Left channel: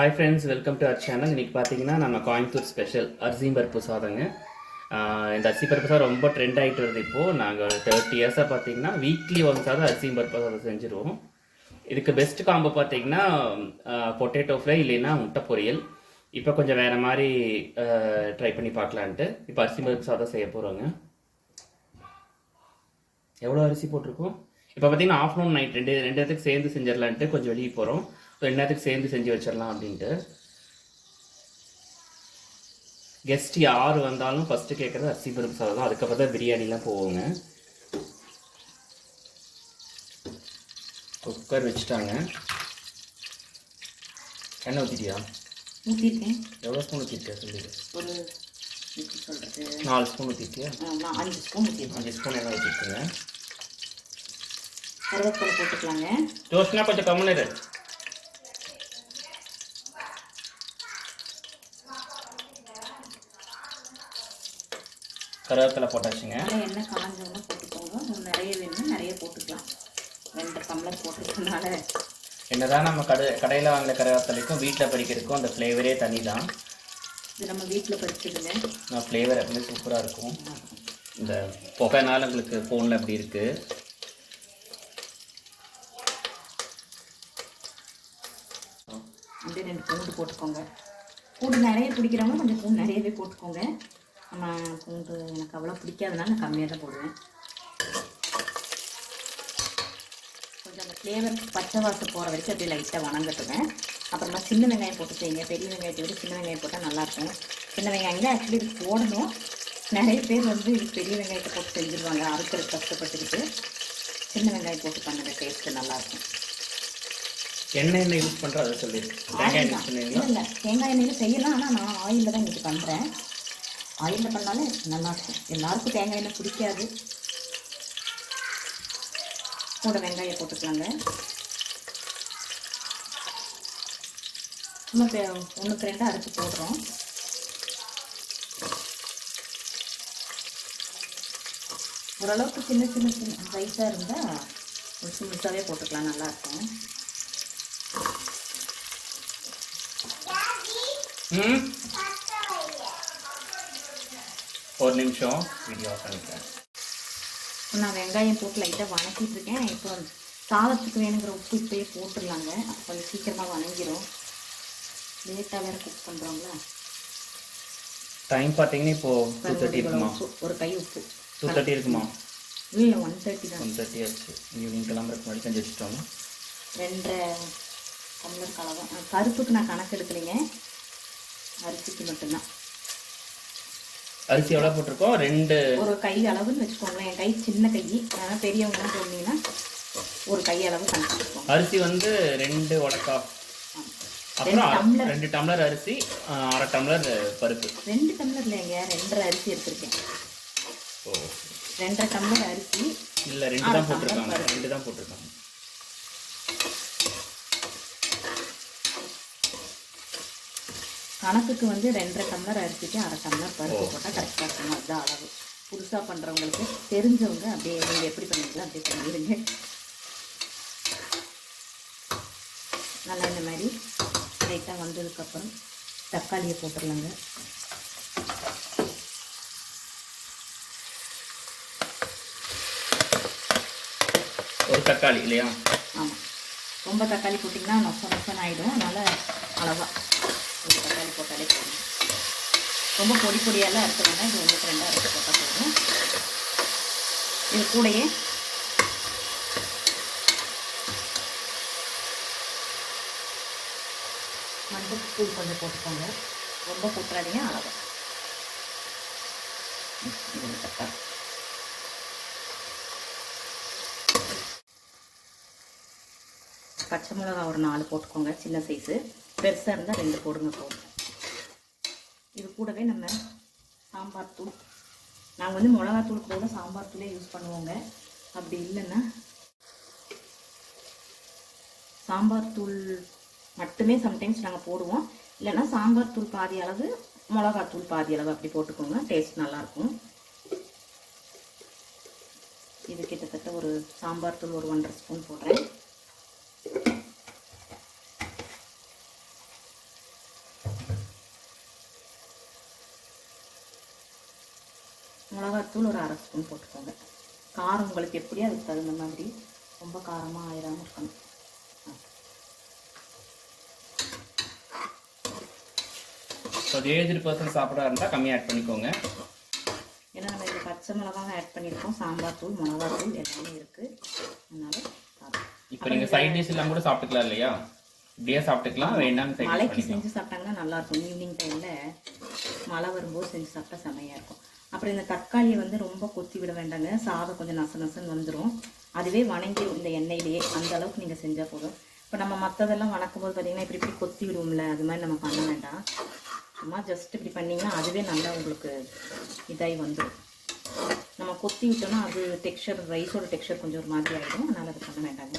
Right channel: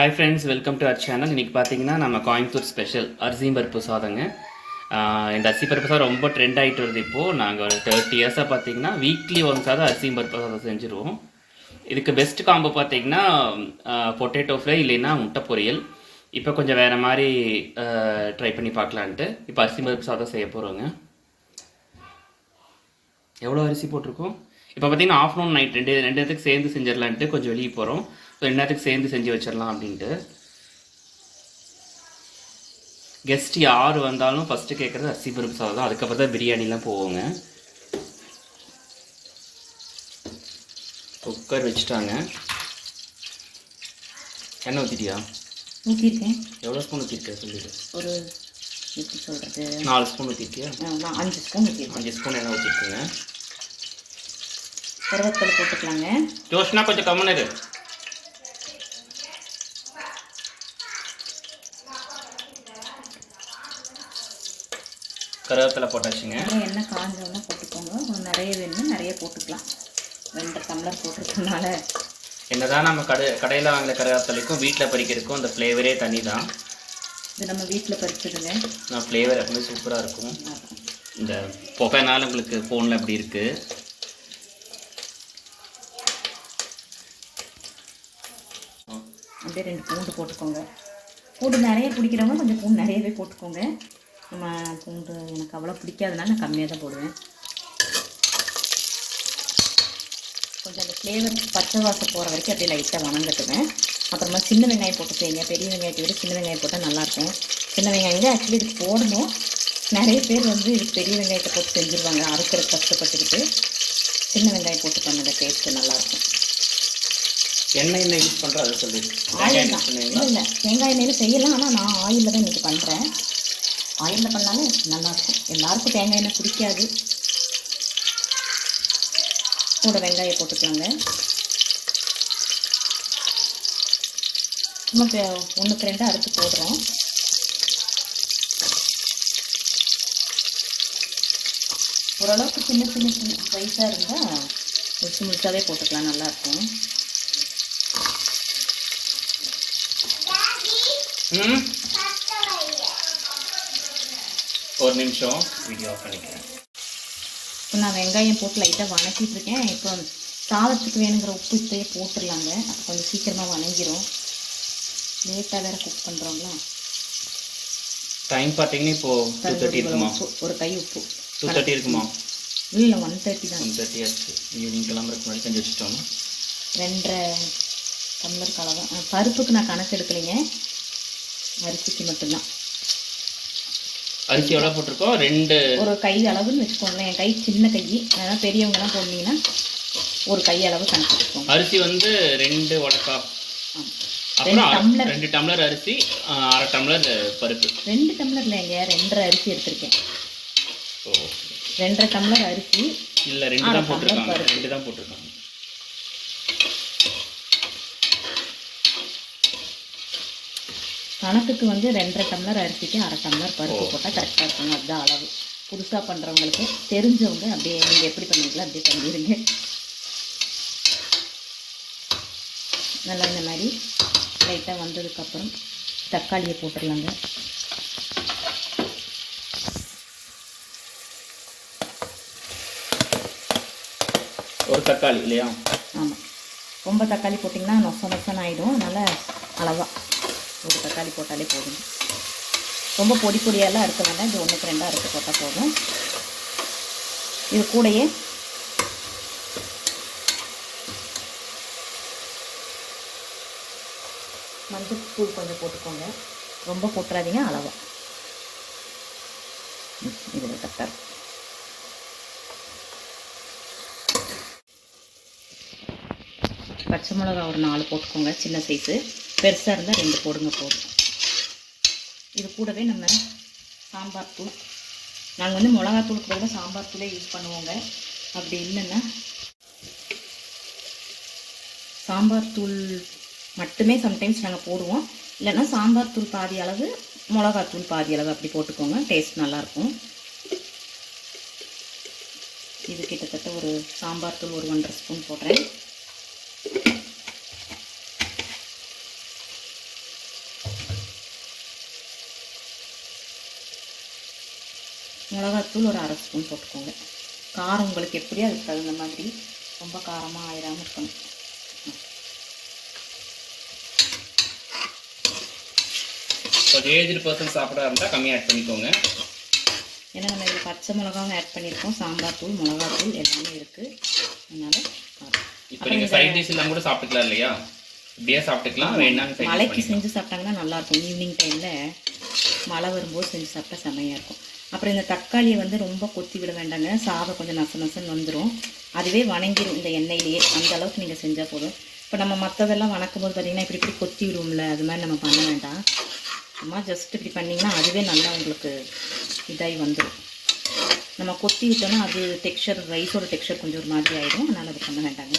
Hi friends, welcome to our channel. இன்றைக்கி பார்த்தீங்கன்னா நம்ம கோயம்புத்தூர் ஸ்பெஷல் அரிசியும் பருப்பு சாதங்க. இந்த அரிசி பருப்பு சாதம் ரொம்ப ட்ரெண்ட் ஆகிட்டு வருது. இப்போது நாங்கள் ஒரு 30 இயர்ஸாக பார்த்தீங்கன்னா வீக்லி ஒன்ஸ் ஆகுது அரிசியும் பருப்பு சாதம் செஞ்சுருவோம். இதுக்கு பெஸ்ட் காம்போ பார்த்தீங்கன்னா பொட்டேட்டோ ஃப்ரை இல்லைன்னா முட்டை பொரியல். இப்போ கொஞ்சம் வேறு மாதிரி ட்ரை பண்ணி பார்க்கலான்ட்டு இப்போ அரிசி பருப்பு சாதம் செய்ய போகிறோங்க. எவ்வளோ அரிசி போட்டிருக்கோம்? இப்போ பார்த்தீங்கன்னா ஆஃப்டர்நூன் நைட் ரெண்டு நேரத்துக்கு சேர்ந்து செஞ்சிடலான்ட்டு கொஞ்சம் வெளியே போகிறோம். ஸோ 2 நேரத்துக்கு சேர்ந்து செஞ்சு வச்சிடலாம் அப்படின்ட்டு. கெஸ்ட் யார் வந்தாலும் ஃபஸ்ட்டு கேட்குறது அரிசி பருப்பு சாதம் தான். அதுக்கப்புறம் தான் பிரியாணிலாம் போவோங்க. குக்கர் வச்சுட்டாங்க. எண்ணெய் ஊற்றிட்டியா? ஊற்றிருக்கேன். எவ்வளோ ஸ்பூன் ஊற்றிருக்கேன் சொல்லிடு. ஒரு எப்படி சொல்கிறது, 4 ஸ்பூன் ஊற்றிருக்கியா? நான் 5 ஸ்பூன் ஊற்றிருக்கேன். 5 ஸ்பூன் எண்ணெய் ஊற்றிருக்குங்க. கருவேப்பிலை போட்டுக்கலாங்க. ஜோஷ்னா கொஞ்சம் கம்முன்னு இரு. கருவேப்பிலை போட்டாச்சுங்க. எண்ணெய் காஞ்சோன்னா போட்டுக்கோங்க. நிறைய வேணும்னா நிறைய போட்டுக்கலாம். 2 டம்ளர் போட்டுருக்கனால என்னதான் நம்ம கடையில் வாங்கின கருவேப்பிலைக்கும் வீட்டில் பறிக்கிறதுக்கும் அந்த ஃப்ளேவரே தனி தான். இது நம்ம வீட்டில் பறிச்சிடுங்க. நான் ஃப்ளேவர் எப்பவுமே சூப்பராக இருக்கும். இந்த புகைனால உங்களுக்கு ஃபோனில் அப்படி இருக்குது. அப்படியே 2 பூண்டு போட்டுக்கோங்க. பூண்டு நிறைய பிடிக்கிறவங்க கொஞ்சம் பூண்டு நிறையவே போட்டுக்கோங்க. நம்ம பூண்டு எனக்கு அவ்வளோ பிடிக்காதனால நான் கம்மியாக தான் போடுவேன். கொஞ்சம் அந்த ஃப்ளேவர் பச்சை வாசம் போகிற வரைக்கும் அப்படியே லைட்டாக வணங்கட்டுவேன். அப்புறமா சின்ன வெங்காயம் போட்டு செய்யுங்க. பெரிய வெங்காயத்தை விட சின்ன வெங்காயம் போட்டால் நல்லாயிருக்கும். சின்ன வெங்காயம் தான் ஆக்சுவலி இதுக்கு போடணும். நிறைய பேர் வந்து இதுக்கு பெரிய வெங்காயத்தை போட்டு செஞ்சுருவாங்க. அறுக்கிற கஷ்டப்பட்டுக்கிட்டு சின்ன வெங்காயம் போட்டு பண்ணுற டேஸ்ட்டு நல்லாயிருக்கும். எண்ணெய் யூஸ் பண்ணுறேன் அதை சொல்லி. இல்லை, தேங்காய் எண்ணெயில் செய்யலாம். ஆனால் நான் ஆயிலில் தான் இன்றைக்கி பண்ணுறேன். ஆயிலில் பண்ணாலும் நல்லாயிருக்கும். எல்லாருக்கும் தேங்காய் எண்ணெய் பிடிக்காது. கூட வெங்காயம் போட்டுக்கலாங்க. நமக்கு 1க்கு 2 அரைச்சி போடுறோம். ஓரளவுக்கு சின்ன சின்ன சின்ன சைஸாக இருந்தால் முழுசாகவே போட்டுக்கலாம், நல்லாயிருக்கும். ஒரு நிமிஷம் வீடியோ ஆஃப் பண்ணிக்கிறேன். இப்போ நான் வெங்காயம் போட்டு லைட்டாக வணக்கிட்டு இருக்கேன். இப்போ சாதத்துக்கு வேணுங்கிற உப்பு இப்போயே போட்டுடலாங்க. அப்போ கொஞ்சம் சீக்கிரமாக வணங்கிடும். லேட்டாக வேறு குக் பண்ணுறோங்களா. டைம் பார்த்தீங்கன்னா இப்போது 2:30 இருக்குமா? ஒரு கை உப்பு. 2:30 இருக்குமா? இல்லை, 1:30 தான். 1:30 ஆச்சு. ஈவினிங் கிளம்புறதுக்கு முன்னாடி செஞ்சு வச்சுட்டோம்னா 2.5 டம்ளர் கலவை. பருப்புக்கு நான் கணக்கு எடுக்கலைங்க, அரிசிக்கு மட்டும்தான். அரிசி எவ்வளோ போட்டிருக்கோம்? 2 ஒரு கை அளவுன்னு வச்சுக்கோங்க. என் கை சின்ன கை, ஏன்னா பெரியவங்கலாம் போனீங்கன்னா ஒரு கை அளவு கணக்கு வச்சுக்கோங்க. அரிசி வந்து 2 உடக்கா, அப்புறம் 2 டம்ளர் அரிசி, 1/2 டம்ளர் பருப்பு. 2 டம்ளர் இல்லைங்க, 2.5 அரிசி எடுத்திருக்கேன். ஓ, 2.5 டம்ளர் அரிசி. இல்லை, 2 தான் போட்டிருக்காங்க. 2 தான் போட்டிருக்காங்க. கணக்குக்கு வந்து 2.5 டம்ளர் அரிசிக்கு 1/2 டம்ளர் பருப்பு போட்டால் கரெக்டாக இருக்கணும். அதுதான் அளவு. புதுசாக பண்ணுறவங்களுக்கு தெரிஞ்சவங்க அப்படியே நீங்கள் எப்படி பண்ணுவீங்களோ அப்படியே பண்ணிடுங்க. நல்லா இந்த மாதிரி லைட்டாக வந்ததுக்கப்புறம் தக்காளியை போட்டுடலாங்க. ஒரு தக்காளி இல்லையா? ஆமாம், ரொம்ப தக்காளி போட்டிங்கன்னா நொசன்னு ஆகிடும். அதனால் அளவாக ஒரு தக்காளி போட்டாலே போதும். ரொம்ப பொடி பொடியெல்லாம் இருக்க வேண்டாம். இது 1க்கு 2 அரைச்சி போட்டால் போதும். இது கூடயே மஞ்சள் தூள் கொஞ்சம் போட்டுக்கோங்க. ரொம்ப போட்டுறாதீங்க, அளவாக. இது தக்காளி பச்சை மிளகா ஒரு 4 போட்டுக்கோங்க, சின்ன சைஸு. பெருசாக இருந்தால் 2 போடுங்க போதும். இது கூடவே நம்ம சாம்பார் தூள், நாங்கள் வந்து மிளகாத்தூளுக்கு பதிலாக சாம்பார் தூளே யூஸ் பண்ணுவோங்க. அப்படி இல்லைன்னா சாம்பார் தூள் மட்டுமே சம்டைம்ஸ் நாங்கள் போடுவோம். இல்லைன்னா சாம்பார் தூள் பாதி அளவு, மிளகாத்தூள் பாதி அளவு அப்படி போட்டுக்கோங்க. டேஸ்ட் நல்லாயிருக்கும். இது கிட்டத்தட்ட ஒரு சாம்பார் தூள் ஒரு 1.5 ஸ்பூன் போடுறேன். மிளகாத்தூள் ஒரு 1/2 ஸ்பூன் போட்டுக்கோங்க. காரம் உங்களுக்கு எப்படியோ அதுக்கு தகுந்த மாதிரி, ரொம்ப காரமாக ஆயிடாமல் இருக்கணும். இப்போ ஏஜ்டு பர்சன் சாப்பிட்றா இருந்தால் கம்மியாக ஆட் பண்ணிக்கோங்க. ஏன்னா நம்ம இது பச்சை மிளகாவும் ஆட் பண்ணியிருக்கோம், சாம்பார் தூள், மிளகாத்தூள் எல்லாமே இருக்குது. அதனால் காரம். இப்போ நீங்கள் சைட் டிஷ் எல்லாம் கூட சாப்பிட்டுக்கலாம் இல்லையா? இப்படியே சாப்பிட்டுக்கலாம், வேணாம் சைட் மழைக்கு செஞ்சு சாப்பிட்டாங்கன்னா நல்லாயிருக்கும். ஈவினிங் டைமில் மழை வரும்போது செஞ்சு சாப்பிட்டா செம்மையாக இருக்கும். அப்புறம் இந்த தக்காளியை வந்து ரொம்ப கொத்தி விட வேண்டாங்க, சாதம் கொஞ்சம் நசன்னு வந்துடும். அதுவே வணங்கிடும் இந்த எண்ணெயிலேயே. அந்த அளவுக்கு நீங்கள் செஞ்சால் போதும். இப்போ நம்ம மற்றதெல்லாம் வணக்கும் போது பார்த்திங்கன்னா இப்படி கொத்தி விடுவோம்ல, அது மாதிரி நம்ம பண்ண வேண்டாம். சும்மா ஜஸ்ட் இப்படி பண்ணிங்கன்னா அதுவே நல்லா உங்களுக்கு இதாகி வந்துடும். நம்ம கொத்தி விட்டோன்னா அது டெக்ஸ்சர், ரைஸோட டெக்ஸ்சர் கொஞ்சம் ஒரு மாதிரி ஆகிடும். அதனால் அது பண்ண வேண்டாங்க.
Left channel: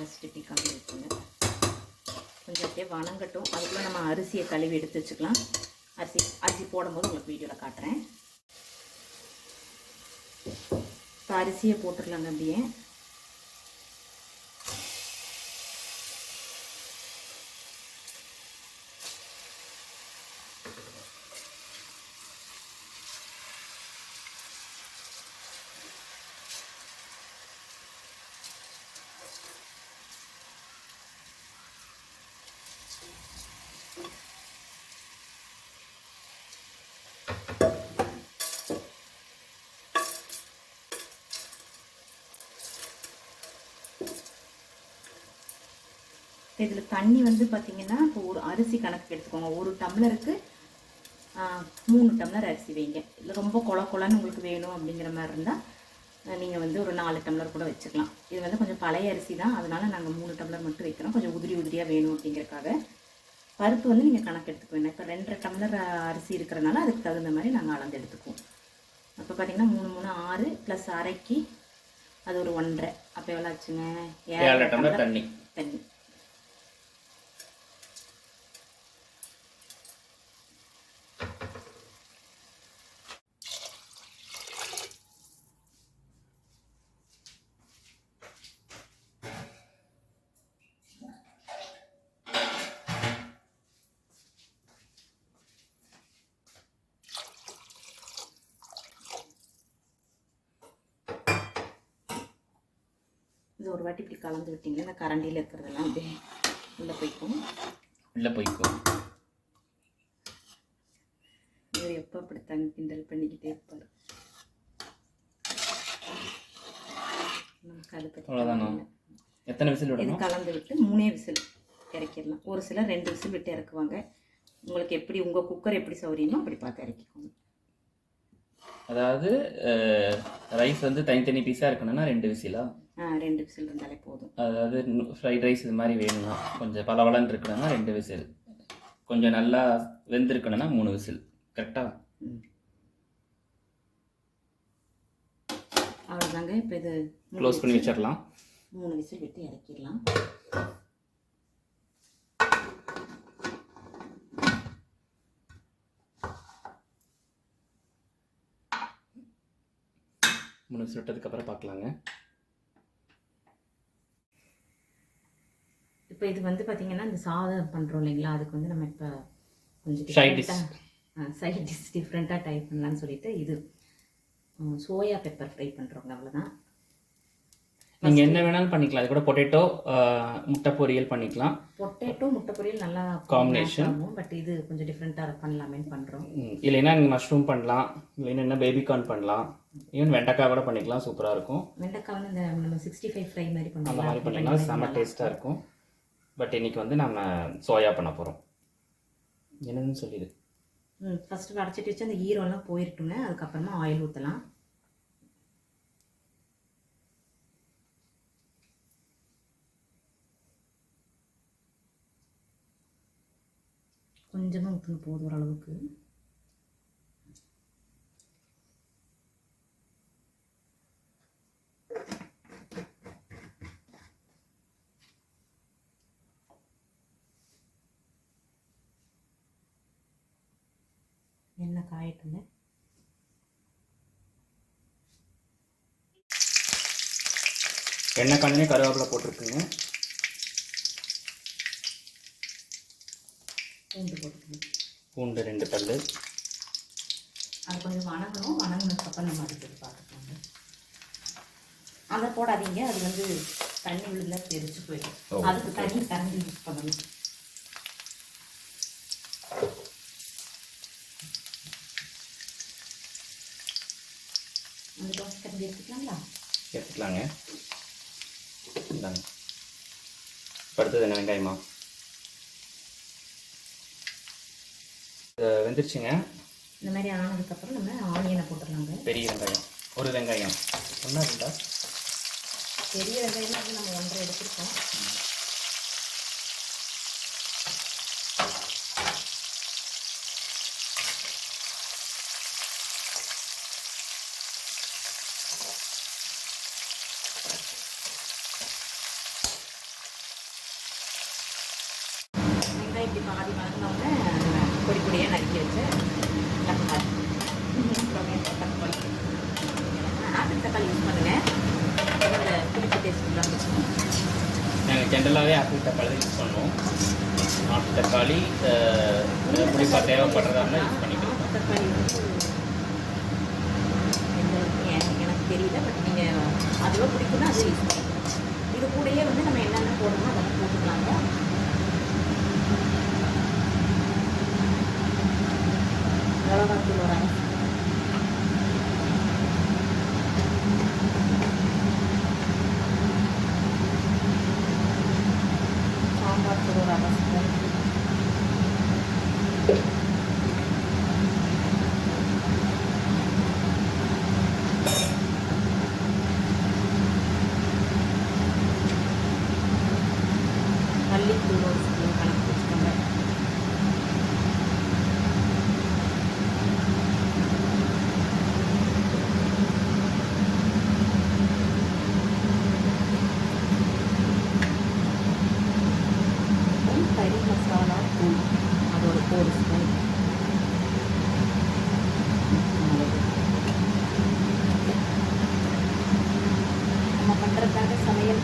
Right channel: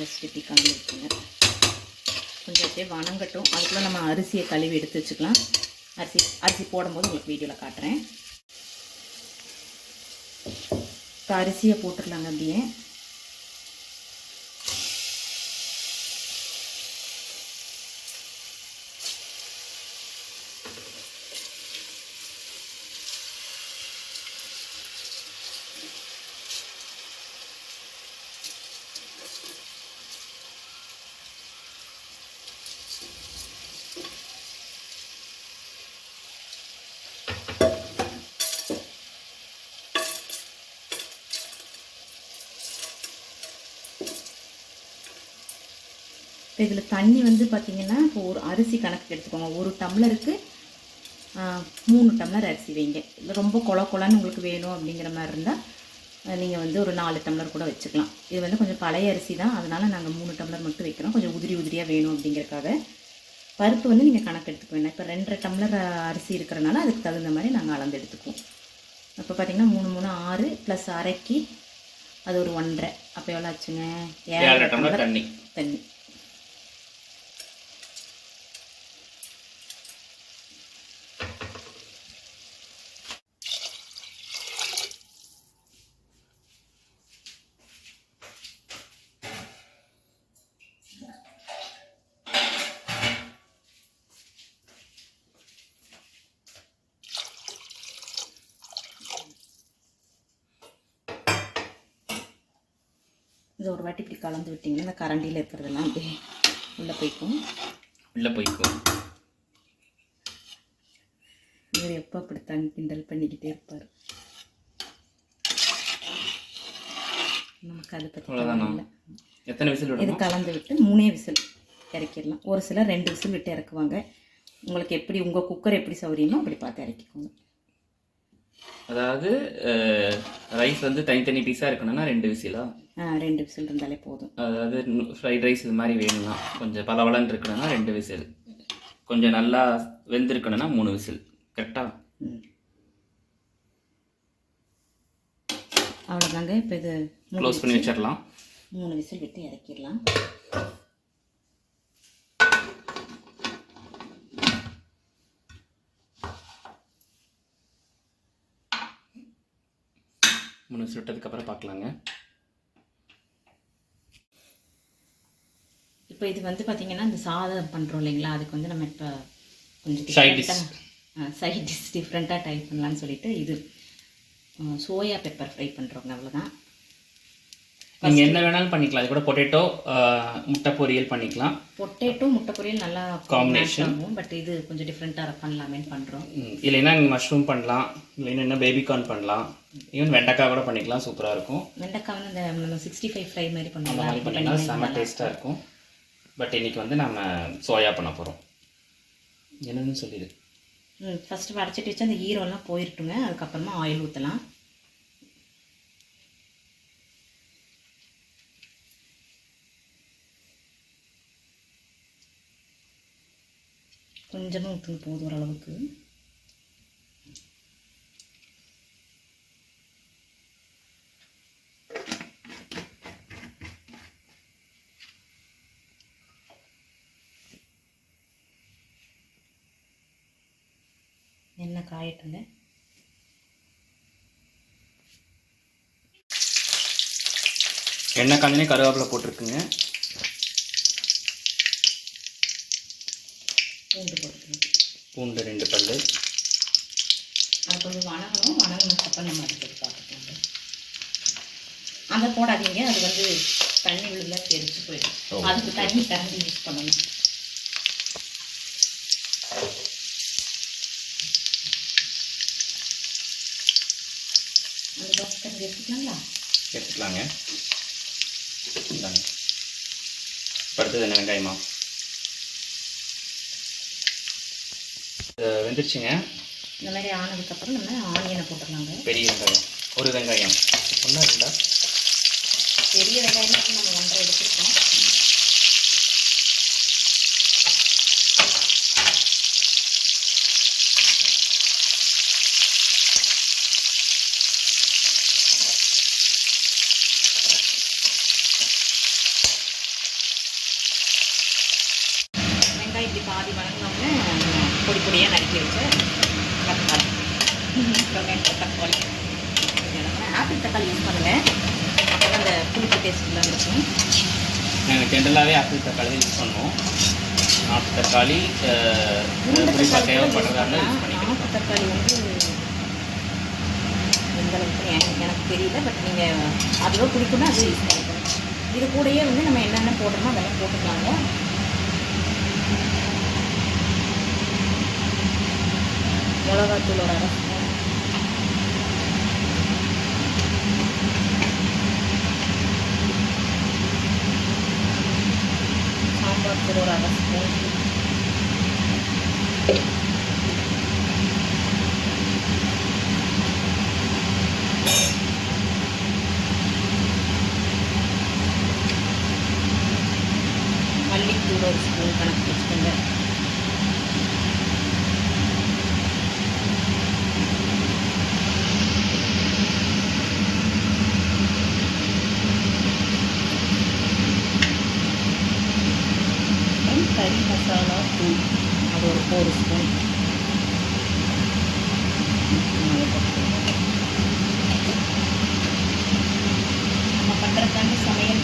ஜஸ்ட் இப்படி கலந்து விட்டுங்க. கொஞ்சம் அப்படியே வணங்கட்டும். அதுக்குள்ளே நம்ம அரிசியை கழுவி எடுத்து வச்சுக்கலாம். அரிசி போடும்போது உங்களுக்கு வீடியோவில் காட்டுறேன். இப்போ அரிசியை போட்டுடலாங்க அப்படியே. இதில் தண்ணி வந்து பார்த்திங்கன்னா இப்போ ஒரு அரிசி கணக்கு எடுத்துக்கோங்க. 1 டம்ளருக்கு 3 டம்ளர் அரிசி வைங்க. இல்லை ரொம்ப கொலன்னு உங்களுக்கு வேணும் அப்படிங்கிற மாதிரி இருந்தால் நீங்கள் வந்து ஒரு 4 டம்ளர் கூட வச்சுக்கலாம். இது வந்து கொஞ்சம் பழைய அரிசி தான், அதனால் நாங்கள் 3 டம்ளர் மட்டும் வைக்கிறோம். கொஞ்சம் உதிரியாக வேணும் அப்படிங்கிறக்காக. பருப்பு வந்து நீங்கள் கணக்கு எடுத்துக்க வேண்டாம். இப்போ 2.5 டம்ளர் அரிசி இருக்கிறனால அதுக்கு தகுந்த மாதிரி நாங்கள் அளந்து எடுத்துக்குவோம். அப்போ பார்த்திங்கன்னா 3 3 6 ப்ளஸ் அரைக்கி அது ஒரு 1.5. அப்போ எவ்வளோ ஆச்சுங்க? 7 டம்ளர் தண்ணி. இது ஒரு வாட்டி இப்படி கலந்து விட்டிங்கன்னா இந்த கரண்டியில் இருக்கிறதெல்லாம் அப்படியே உள்ளே போய்க்கும். இவர் எப்போ அப்படி தண்ணி கிண்டல் பண்ணிக்கிட்டே இருப்பார். நமக்கு அதை பற்றி எத்தனை விசில் விடணும்? இது கலந்து விட்டு 3 விசில் இறக்கிடலாம். ஒரு சிலர் 2 விசில் விட்டு இறக்குவாங்க. உங்களுக்கு எப்படி உங்கள் குக்கர் எப்படி சௌரியமோ அப்படி பார்த்து இறக்கிக்கோங்க. அதாவது ரைஸ் வந்து தனித்தனி பீஸாக இருக்கணும்னா 2 விசிலா? 2 விசில் இருந்தாலே போதும். அதாவது ஃப்ரைட் ரைஸ் இது மாதிரி வேணும்னா கொஞ்சம் பலவளன்னு இருக்கணும்னா 2 விசில், கொஞ்சம் நல்லா வெந்திருக்கணும்னா 3 விசில். கரெக்டாக? அவ்வளோதாங்க. இப்போ இது க்ளோஸ் பண்ணி வச்சிடலாம். 3 விசில் விட்டு இறக்கிடலாம். மூணு விசில் விட்டதுக்கப்புறம் பார்க்கலாங்க. இப்போ இது வந்து பார்த்திங்கன்னா இந்த சாதம் பண்ணுறோம் இல்லைங்களா, அதுக்கு வந்து நம்ம இப்போ கொஞ்சம் சைட் டிஷ் டிஃப்ரெண்ட்டாக ட்ரை பண்ணலான்னு சொல்லிட்டு இது சோயா பெப்பர் ஃப்ரை பண்ணுறோங்க. அவ்வளோதான். நீங்கள் என்ன வேணாலும் பண்ணிக்கலாம். இது கூட பொட்டேட்டோ முட்டை பொரியல் பண்ணிக்கலாம். பொட்டேட்டோ முட்டை பொரியல் நல்லா காம்பினேஷன். பட் இது கொஞ்சம் டிஃப்ரெண்ட்டாக பண்ணலாமேன்னு பண்ணுறோம். இல்லைன்னா நீங்கள் மஷ்ரூம் பண்ணலாம், இல்லைன்னா பேபிகார்ன் பண்ணலாம், ஈவன் வெண்டைக்காய் கூட பண்ணிக்கலாம். சூப்பராக இருக்கும். வெண்டைக்காய் வந்து இந்த நம்ம 65 ஃப்ரை மாதிரி பண்ணலாம். அந்த மாதிரி பண்ணிங்கன்னா செம்ம டேஸ்ட்டாக இருக்கும். பட் இன்றைக்கி வந்து நம்ம சோயா பண்ண போகிறோம். என்னன்னு சொல்லிடு. ஃபஸ்ட்டு வடைச்சிட்டு வச்சு அந்த ஈரம்லாம் போயிருட்டுங்க. அதுக்கப்புறமா ஆயில் ஊற்றலாம். கொஞ்சமாக ஊற்றுங்க, போதும் ஓரளவுக்கு. எண்ணெய் காயட்டுங்க. எண்ணெய் காஞ்சனே கருவேப்பிலை போட்டிருக்குங்க. பூண்டு போட்டுக்கணும். பூண்டு 2 பல். அது கொஞ்சம் வணங்கினதுக்கப்புறம் நம்ம அதுக்கு பார்த்துக்கோங்க. அதை போடாதீங்க, அது வந்து தண்ணி விழுந்தா தெரிச்சு போயிடும். அதுக்கு தண்ணி கரண்டி யூஸ் பண்ணணும். அந்த தோசை கரண்டி எடுத்துக்கலாங்களா? எடுத்துக்கலாங்க. இந்தாங்க. அடுத்தது என்ன வெங்காயமா வெந்துருச்சுங்க. இந்த மாதிரி ஆனதுக்கப்புறம் நம்ம ஆனியனை போட்டுக்கலாங்க. பெரிய வெங்காயம், ஒரு வெங்காயம், ஒன்றா இருந்தா பெரிய வெங்காயம் நம்ம 1.5 எடுத்துருக்கோம். வெங்காயம் இப்படி பாதி வணங்கினோம்னா பொடி பொடியாக நறுக்கி வச்சு தக்காளி ஆப்பிள் தக்காளி யூஸ் பண்ணுவேன். அந்த புளிப்பு டேஸ்ட்லாம் இருக்கும். நாங்கள் ஜென்ரலாகவே ஆப்பிள் தக்காளி தான் யூஸ் பண்ணுவோம். ஆப்பிள் தக்காளி புளிப்பாக தேவைப்படுறதா இருந்தால் யூஸ் பண்ணிக்கலாம். ஆப்பிள் தக்காளி வந்து எந்த அளவுக்கு எனக்கு தெரியல. பட் நீங்கள் அதுவும் பிடிக்குன்னா அதுவும் யூஸ் பண்ணிக்கலாம். இது கூடயே வந்து நம்ம என்னென்ன போடணுமோ அதெல்லாம் போட்டுக்கலாங்க. மிளகாத்தூளோட சாம்பார் தூளோட அரசு மல்லித்தூள் ஒரு ஸ்பூன் கணக்கு வச்சுக்கோங்க. கறி மசாலா தூள் அது ஒரு ஸ்பூன். நம்ம பண்ணுறதாங்க சமையல்.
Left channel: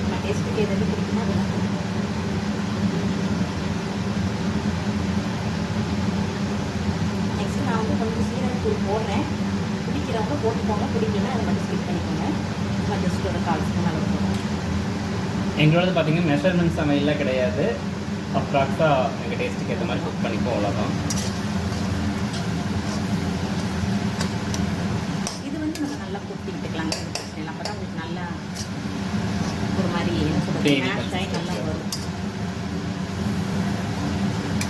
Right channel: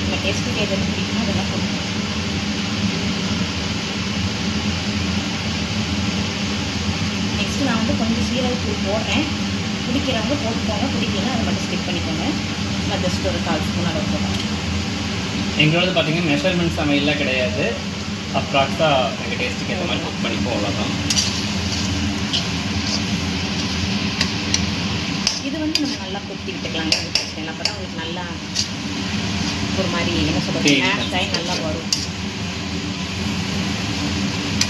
நம்ம டேஸ்ட்டுக்கு எது பிடிக்குமோ அதெல்லாம் கொடுப்போம். நெக்ஸ்ட்டு நான் வந்து கொஞ்சம் சீரகத்தூள் போடுறேன். பிடிக்கிறவங்க போட்டுக்கோங்க, பிடிக்கலன்னா அதை மட்டும் ஸ்கிப் பண்ணிக்கோங்க. நான் ஜஸ்ட் ஒரு 1/4 ஸ்பூன் அளவு போடுறேன். எங்களோட பார்த்தீங்கன்னா மெஷர்மெண்ட் சமையல்லாம் கிடையாது. அப்ராக்ஸாக எங்கள் டேஸ்ட்டுக்கு ஏற்ற மாதிரி குக் பண்ணிப்போம், அவ்வளோதான். இது வந்து நம்ம நல்லா கொத்தி விட்டுக்கலாங்க. அது பிரச்சனை இல்லை. அப்போ தான் உங்களுக்கு நல்லா ஒரு மாதிரி என்ன சொல்கிறது, மேஷ் ஆகி நல்லா வரும்.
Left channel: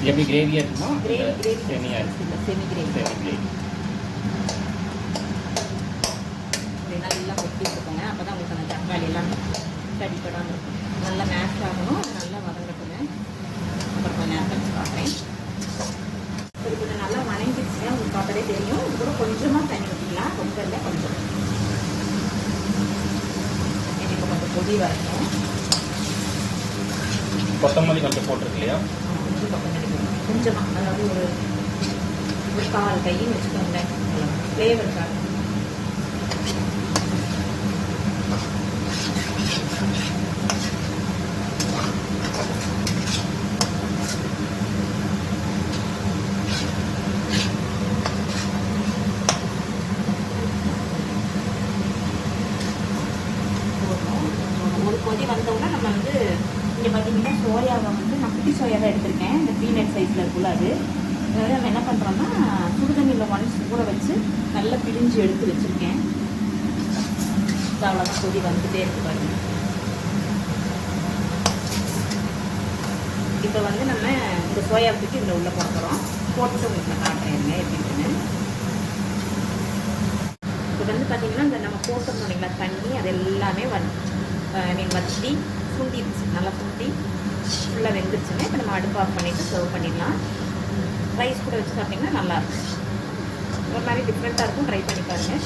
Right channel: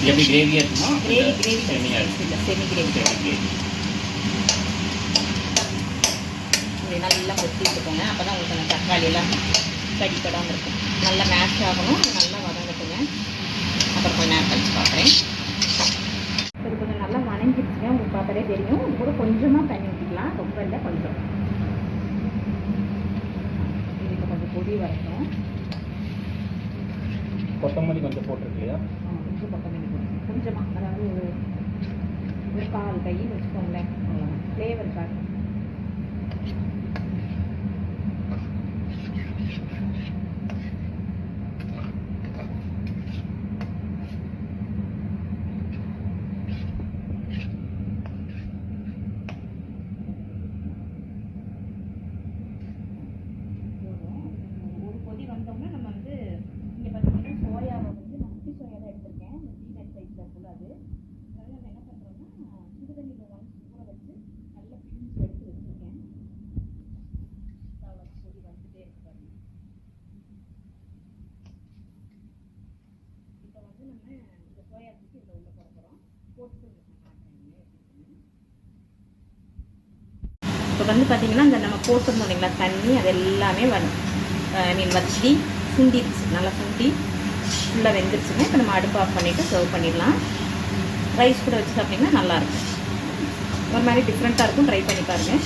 எப்படி கிரேவியாக இருக்குமா? கிரேவி செமியாக இருக்கும். இல்லை, செமி கிரேவி. கிரேவி இப்படி நல்லா கொத்தி விட்டுக்கோங்க. அப்போ தான் உங்களுக்கு அந்த தக்காளி எல்லாம் கடிப்படாமல் இருக்கும். நல்லா மேஷ் ஆகணும், நல்லா வதங்கட்டுங்க. அப்புறம் கொஞ்சம் நேரம் கழிச்சு பார்க்குறேன். சரி, கொஞ்சம் நல்லா வணங்கிடுச்சுங்க. உங்களுக்கு பார்த்தாலே தெரியும். இது கூட கொஞ்சமாக தண்ணி ஊற்றிக்கலாம், ரொம்ப இல்லை, கொஞ்சம். இது இப்போ கொஞ்சம் பொடி வரட்டும். கொத்தமல்லி கொஞ்சம் போட்டிருக்கு இல்லையா? கொஞ்சம் கொத்தமல்லி போடணும், கொஞ்சமாக. அதாவது ஒரு 1/4 கையும் வச்சுக்கோங்களேன், ஃப்ளேவருக்காக. கொதி வந்தோம்னா நம்ம வந்து இங்கே பார்த்தீங்கன்னா சோயாவை வந்து நான் குட்டி சோயா தான் எடுத்திருக்கேன். இந்த பீனட் சைஸில் இருக்குள்ள அது. அதாவது நம்ம என்ன பண்ணுறோம்னா சுடுதண்ணியில் ஒன்ஸ் ஊற வச்சு நல்லா பிழிஞ்சு எடுத்து வச்சுருக்கேன். அவ்வளோதான், கொதி வந்துகிட்டே இருக்கு பாருங்க. இப்போ வந்து நம்ம இந்த சோயா தூக்கி இதில் உள்ளே போட்டுறோம். போட்டுட்டு உங்களுக்கு நான் காட்டுறேன் எப்படின்னு. இப்போ வந்து பார்த்தீங்கன்னா இந்த நம்ம போட்டுருந்தோம் இல்லைங்களா தண்ணி, அது எல்லாமே வச்சு சுண்டிடுச்சு, நல்லா சுண்டி ஃபுல்லாக வெந்துருச்சுங்க. இப்போ நம்ம அடுப்பு ஆஃப் பண்ணிவிட்டு சர்வ் பண்ணிடலாம். ரைஸ் கூட வச்சு சாப்பிட்டிங்கன்னா நல்லாயிருக்கும். ஒரு மாதிரி டிஃப்ரெண்ட்டாக இருக்கும், ட்ரை பண்ணி பாருங்கள்.